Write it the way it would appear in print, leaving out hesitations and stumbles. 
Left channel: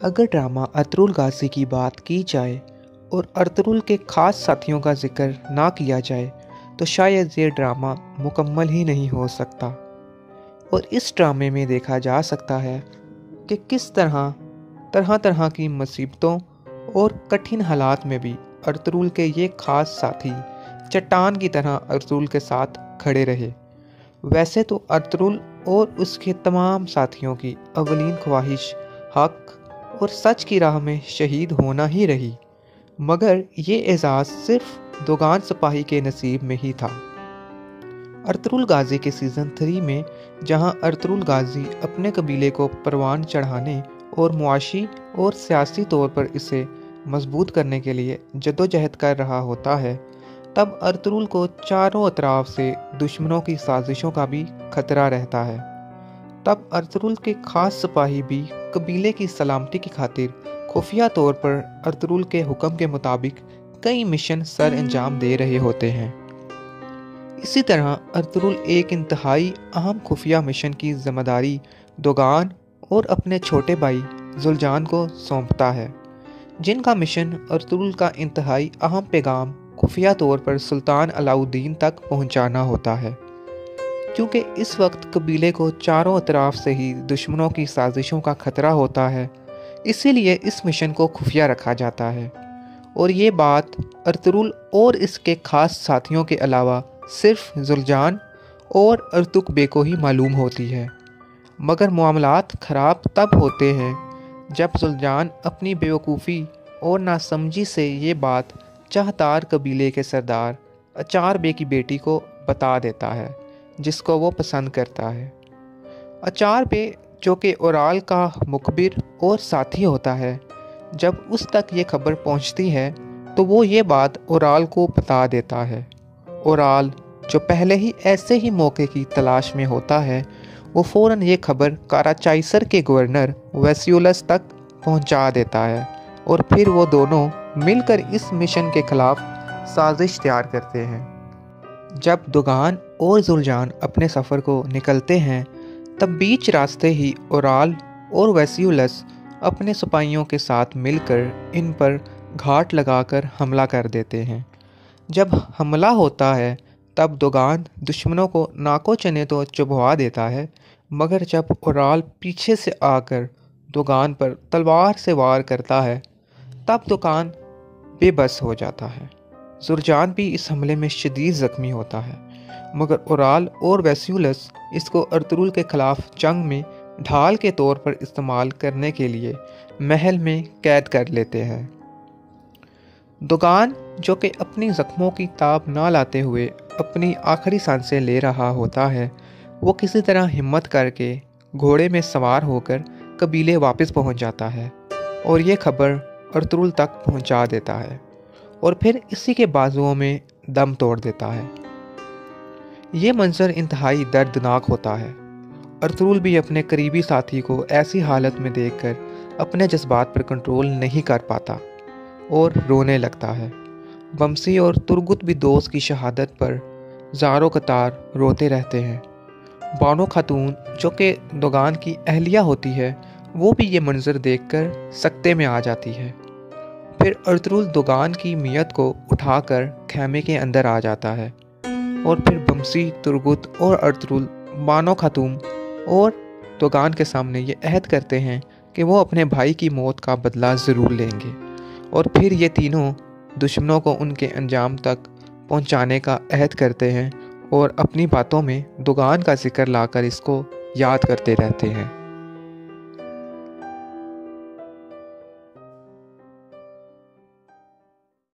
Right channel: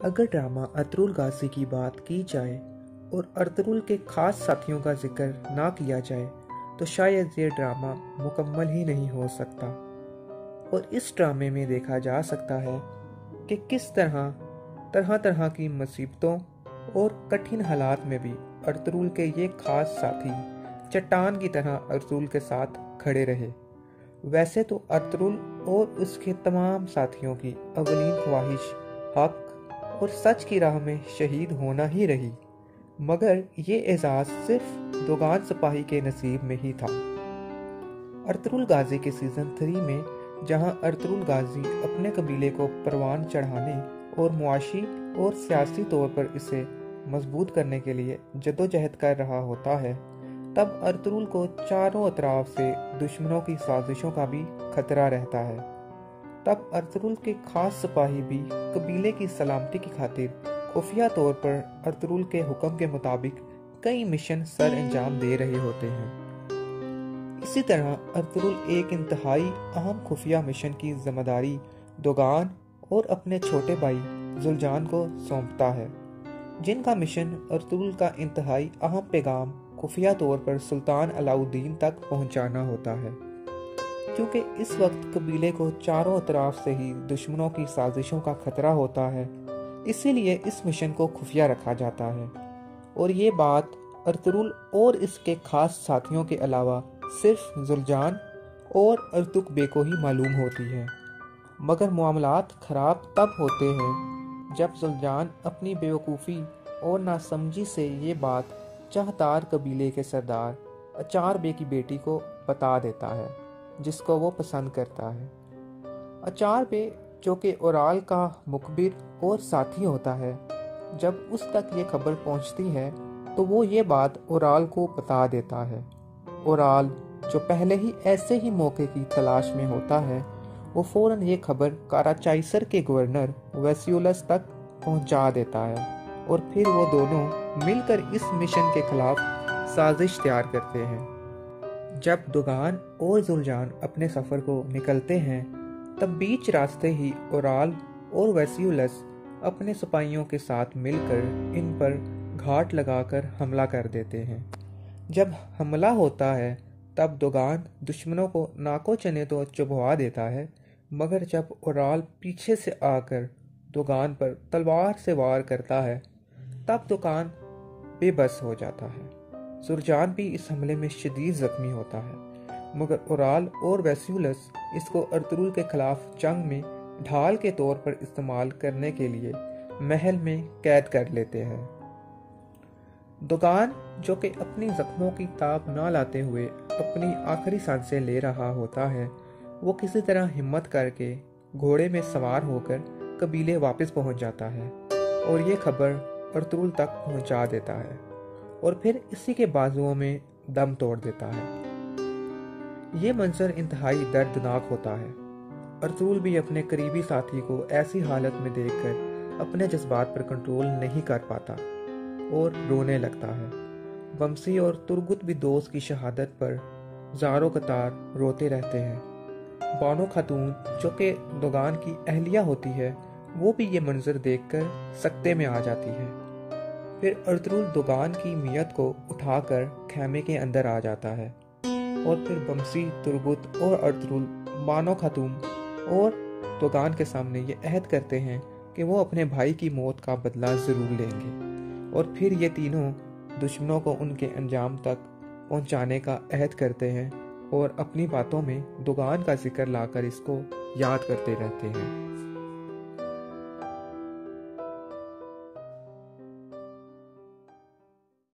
अगर drama Ertugrul गाजी की बात की जाए और अर्तुगरुल के ख़ास साथियों का जिक्र ना किया जाए तो शायद ये ड्रामा मुकम्मल ही नहीं हो सकता। और इस ड्रामे में देखा जा सकता है कि किस तरह तरह की मुसीबतों और कठिन हालात में भी अर्तुगरुल के ये ख़ास साथी चट्टान की तरह अर्तुगरुल के साथ खड़े रहे। वैसे तो अर्तुगरुल और उसके तमाम साथियों की अवलीन ख्वाहिश हक और सच की राह में शहीद होना ही रही, मगर ये एजाज़ सिर्फ दोगान सिपाही के नसीब में ही था। अर्तुगरुल गाजी के सीज़न 3 में जहां अर्तुगरुल गाजी अपने कबीले को परवान चढ़ाने और मुआशी और सियासी तौर पर इसे मजबूत करने के लिए जद्दोजहद कर रहा होता है, तब अर्तुगरुल को चारों अतराफ से दुश्मनों की साजिशों का भी खतरा रहता है। तब अर्तुगरुल के खास सिपाही भी कबीले की सलामती की खातिर खुफिया तौर पर अर्तुगरुल के हुक्म के मुताबिक कई मिशन सर अंजाम दे रहे होते हैं। इसी तरह अर्तुगरुल एक इंतहाई अहम खुफिया मिशन की जिम्मेदारी दोगान और अपने छोटे भाई जुलजान को सौंपता है, जिनका मिशन अर्तुगरुल का इंतहाई अहम पैगाम खुफिया तौर पर सुल्तान अलाउद्दीन तक पहुंचाना होता है। क्योंकि इस वक्त कबीले को चारों अतराफ से ही दुश्मनों की साजिशों का खतरा होता है, इसीलिए इस मिशन को खुफिया रखा जाता है। और ये बात अर्तुगरुल और इसके खास साथियों के अलावा सिर्फ जुलजान और अर्तुक बे को ही मालूम होती है। मगर मामलात ख़राब तब होते हैं जब जुलजान अपनी बेवकूफ़ी और नासमझी से ये बात चाहतार कबीले के सरदार अचार बे की बेटी को बता देता है, जिसको वो पसंद करता है। अचार बे जो कि ओराल का मुखबिर और साथी होता है, जब उस तक ये खबर पहुंचती है तो वो ये बात ओराल को बता देता है। ओराल जो पहले ही ऐसे ही मौके की तलाश में होता है, वो फ़ौरन ये खबर काराचाइसर के गवर्नर वेसियुलस तक पहुंचा देता है और फिर वो दोनों मिलकर इस मिशन के खिलाफ साजिश तैयार करते हैं। जब दोगान और जुलजान अपने सफ़र को निकलते हैं, तब बीच रास्ते ही ओराल और वेसियुलस अपने सिपाहियों के साथ मिलकर इन पर घाट लगाकर हमला कर देते हैं। जब हमला होता है तब दोगान दुश्मनों को नाको चने तो चुभवा देता है, मगर जब ओराल पीछे से आकर दोगान पर तलवार से वार करता है तब दोगान बेबस हो जाता है। जुलजान भी इस हमले में शदीद ज़ख्मी होता है, मगर ओराल और वेसियुलस इसको अर्तुगरुल के ख़िलाफ़ जंग में ढाल के तौर पर इस्तेमाल करने के लिए महल में कैद कर लेते हैं। दोगान जो कि अपनी ज़ख्मों की ताब ना लाते हुए अपनी आखिरी सांसें ले रहा होता है, वो किसी तरह हिम्मत करके घोड़े में सवार होकर कबीले वापस पहुंच जाता है और ये खबर अर्तुगरुल तक पहुंचा देता है और फिर इसी के बाजुओं में दम तोड़ देता है। ये मंजर इंतहाई दर्दनाक होता है। अर्तुगरुल भी अपने करीबी साथी को ऐसी हालत में देखकर अपने जज्बात पर कंट्रोल नहीं कर पाता और रोने लगता है। बमसी और तुर्गुत भी दोस्त की शहादत पर ज़ारो कतार रोते रहते हैं। बानो खातून जो कि दोगान की अहलिया होती है, वो भी ये मंजर देखकर सकते में आ जाती है। फिर अर्तुगरुल दोगान की मियत को उठाकर खैमे के अंदर आ जाता है और फिर बमसी, तुर्गुत और अर्तुगरुल बानो खातून और दोगान के सामने ये अहद करते हैं कि वो अपने भाई की मौत का बदला ज़रूर लेंगे। और फिर ये तीनों दुश्मनों को उनके अंजाम तक पहुंचाने का अहद करते हैं और अपनी बातों में दोगान का जिक्र लाकर इसको याद करते रहते हैं।